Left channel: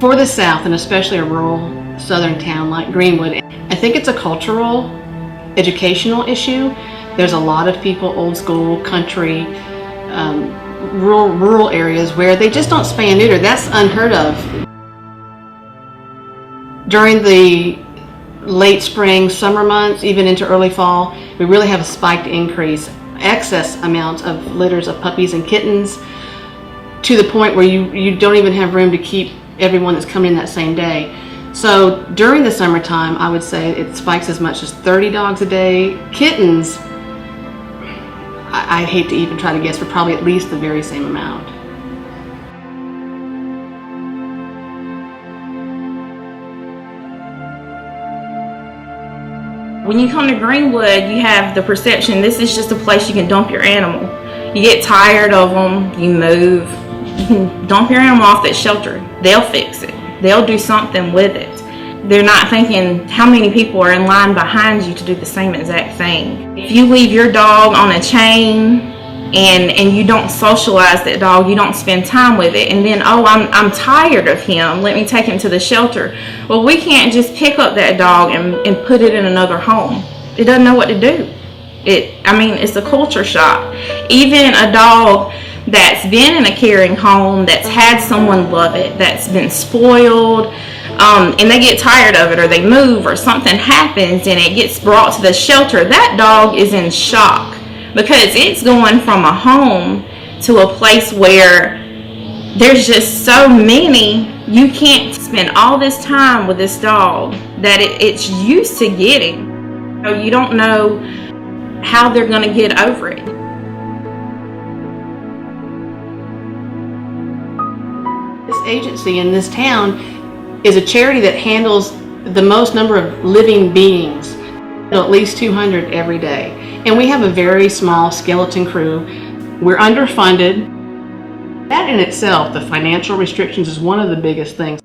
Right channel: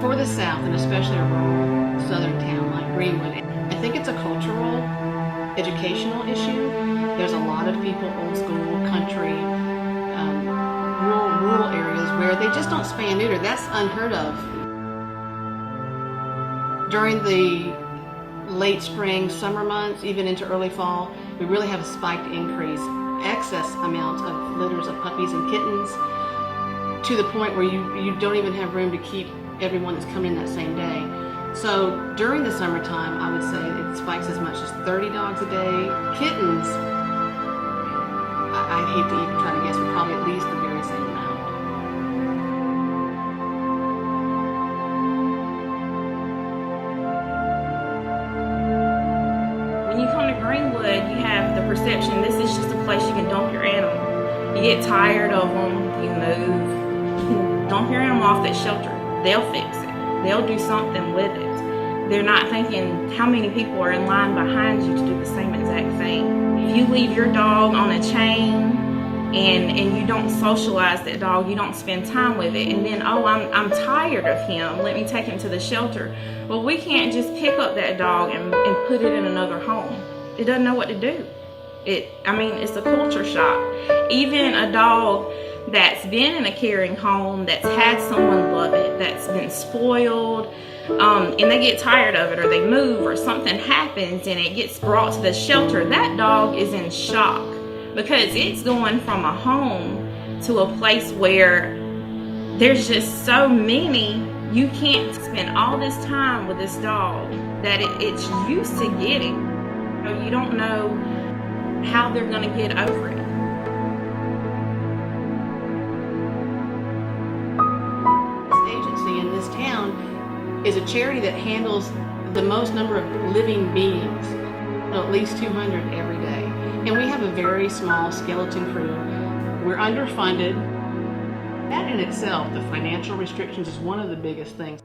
For the South, and especially a rural southern town like Greenwood, I think it's a cultural, educational issue. There's a lot of people, old school, country, rural areas where they just don't spay and neuter. That's unheard of. During the late spring, summer months, even into early fall, we really have a spiked increase, excess amounts of litters of puppies and kittens, to the point where you don't even have room to keep everyone that's coming in that same day. So during the summertime, I would say it spikes as much as 30 dogs a day. Kittens, I hate to even try to guess, but probably at least the very same amount. When you come to Greenwood, you have the perception this is just a place you can dump your animal. You get tired of them, you move, you can dump your animal off at shelter. They'll fix it. They'll do something with it. They're not thinking how many people are in line behind you to do the same exact thing. If you leave your dog on a chain and you don't socialize that dog, you don't spend time with it, and then, oh, I'm tired of him, let me take him to the shelter. Well, we can't just pick up that dog and put it in another home. It doesn't know what to do. It's a culture shock. Even a dog that's been in a caring home, that's had someone love it, that's been spoiled, and they get tired of it, or they move, or something happens and it gets brought to the shelter, that dog is in shock, because it's going from a home to a place where there's just so many. You can't spend all this time with this dog that it's used to getting. You don't know how they're going to get over it. This agency in this town is a charity that handles the most number of living beings, at least 200 every day. And we have a very small skeleton crew. We're underfunded. That in itself, the financial restrictions, is one of the biggest things.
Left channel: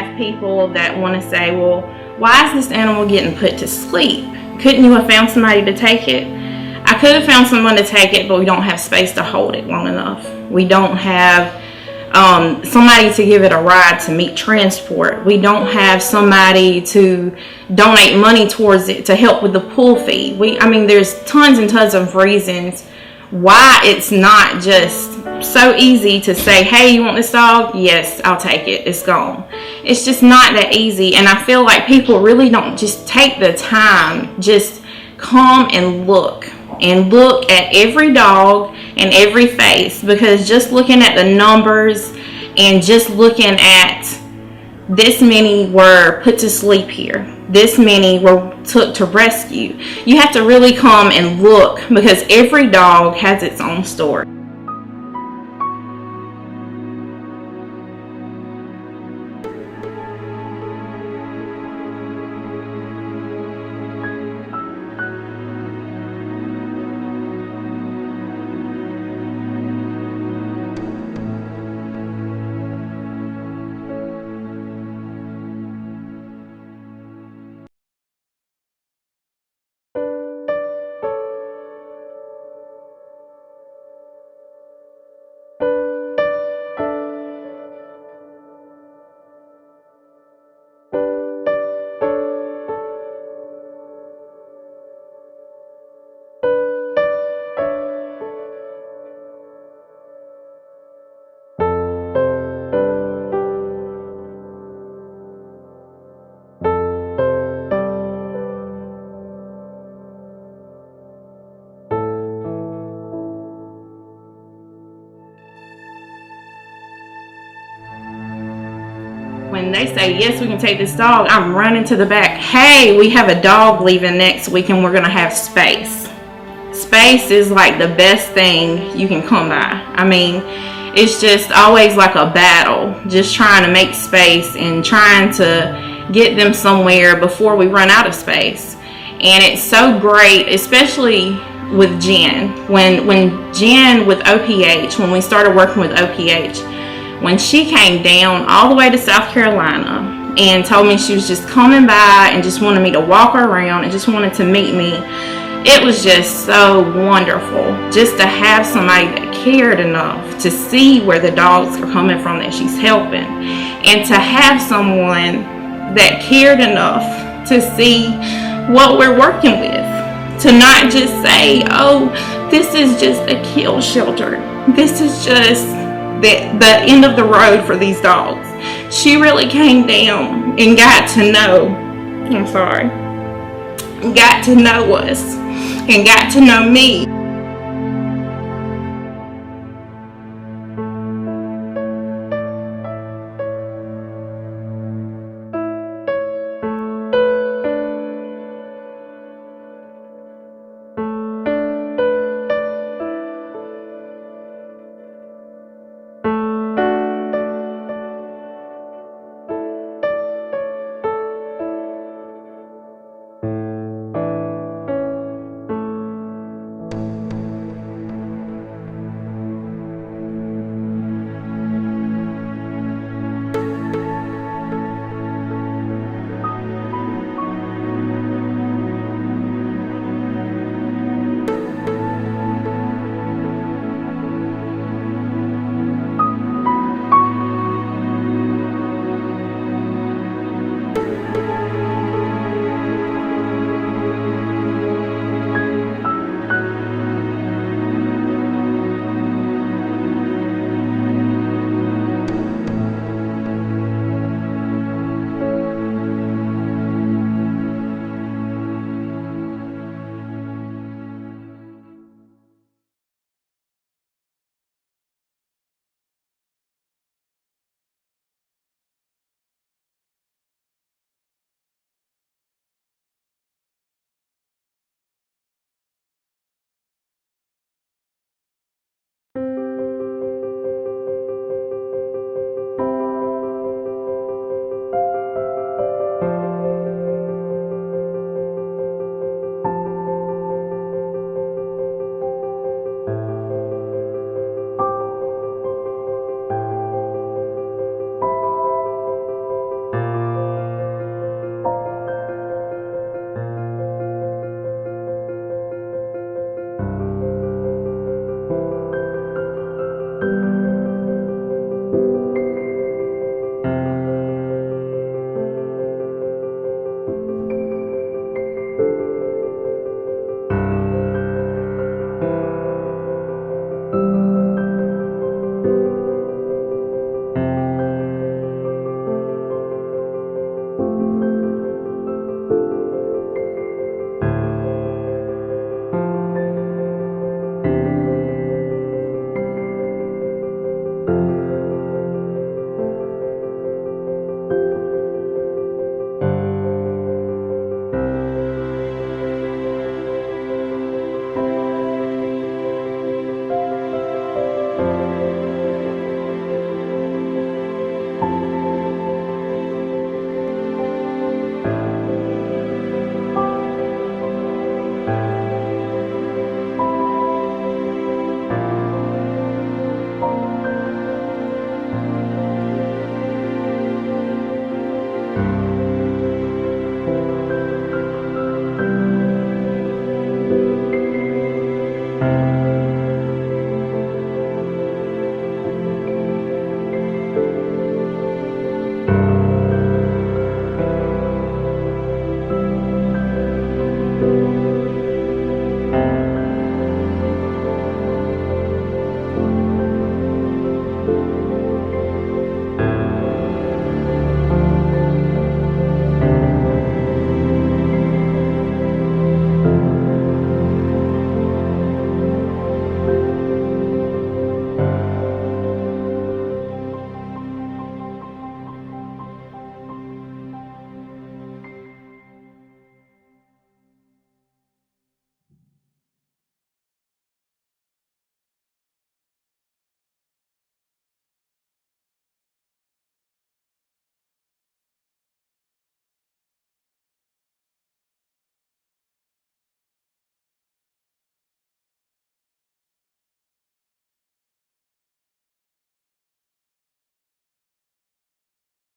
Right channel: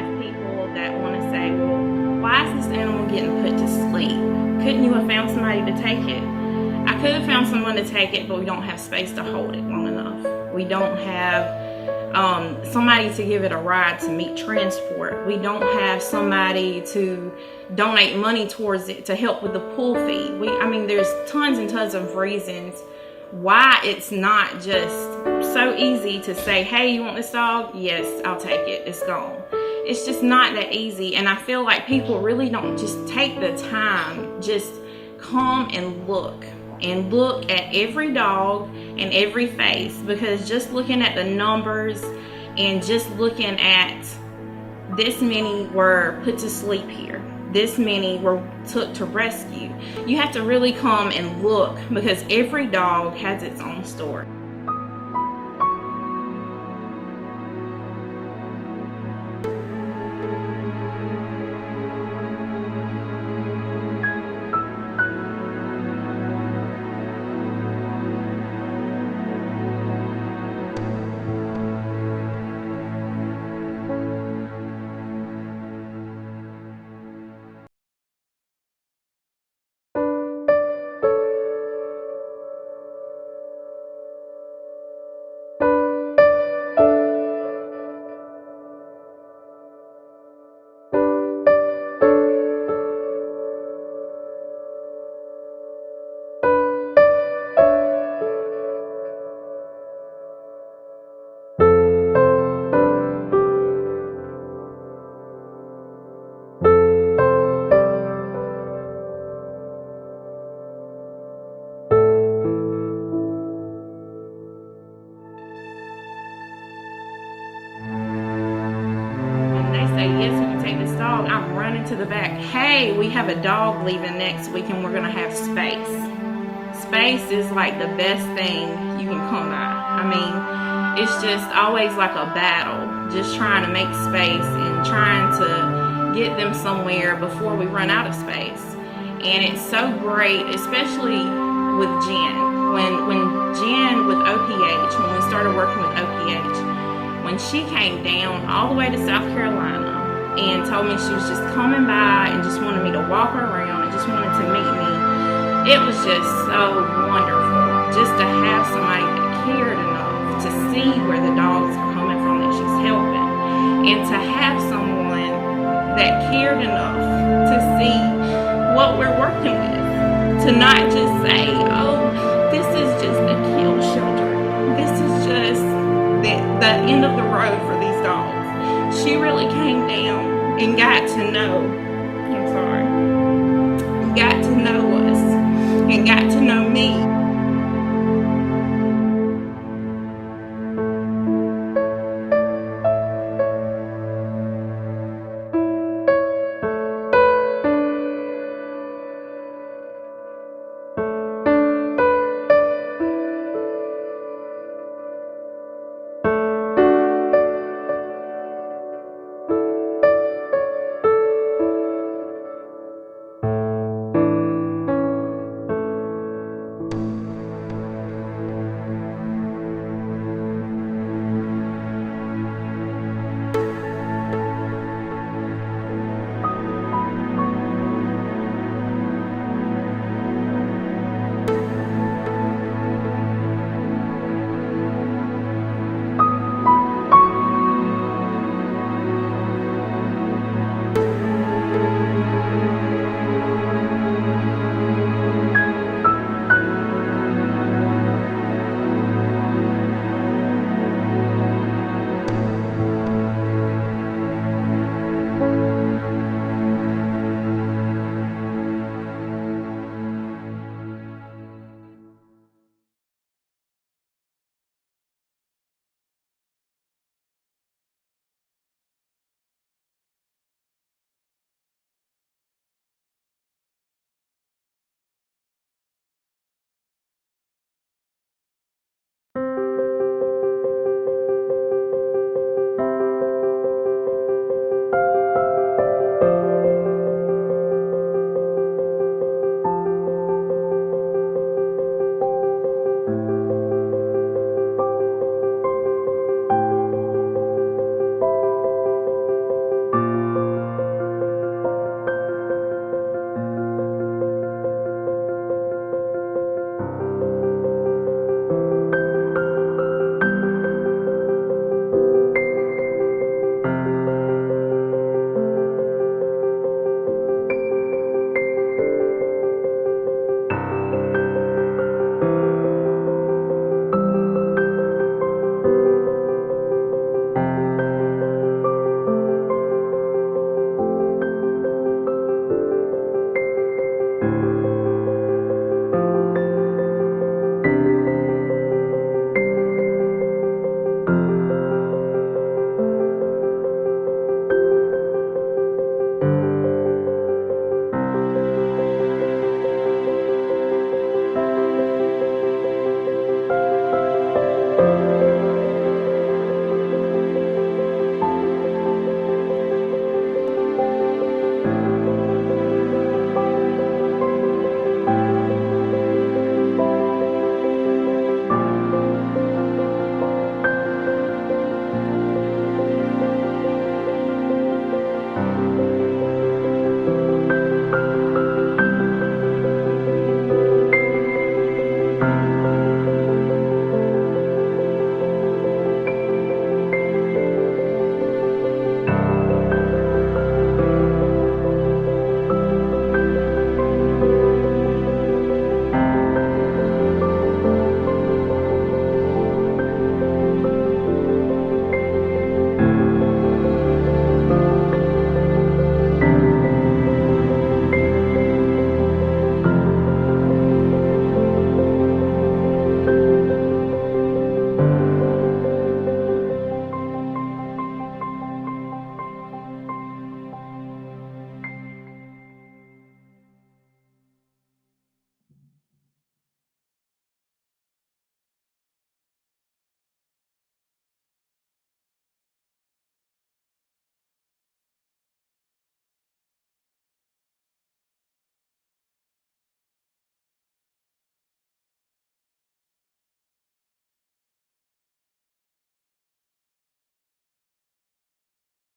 have people that want to say, well, why is this animal getting put to sleep? Couldn't you have found somebody to take it? I could have found someone to take it, but we don't have space to hold it long enough. We don't have somebody to give it a ride to meet transport. We don't have somebody to donate money towards it to help with the pool fee. I mean, there's tons and tons of reasons why it's not just so easy to say, hey, you want this dog? Yes, I'll take it. It's gone. It's just not that easy. And I feel like people really don't just take the time, just come and look at every dog and every face, because just looking at the numbers and just looking at this many were put to sleep here, this many were took to rescue, you have to really come and look, because every dog has its own story. When they say, yes, we can take this dog, I'm running to the back. Hey, we have a dog leaving next week and we're going to have space. Space is like the best thing you can come by. I mean, it's just always like a battle, just trying to make space and trying to get them somewhere before we run out of space. And it's so great, especially with Jen. When Jen with OPH, when we started working with OPH, when she came down all the way to South Carolina and told me she was just coming by and just wanted me to walk her around and just wanted to meet me, it was just so wonderful just to have somebody that cared enough to see where the dogs are coming from that she's helping, and to have someone that cared enough to see what we're working with, to not just say, oh, this is just a kill shelter, this is just the end of the road for these dogs. She really came down and got to know, got to know us and got to know me.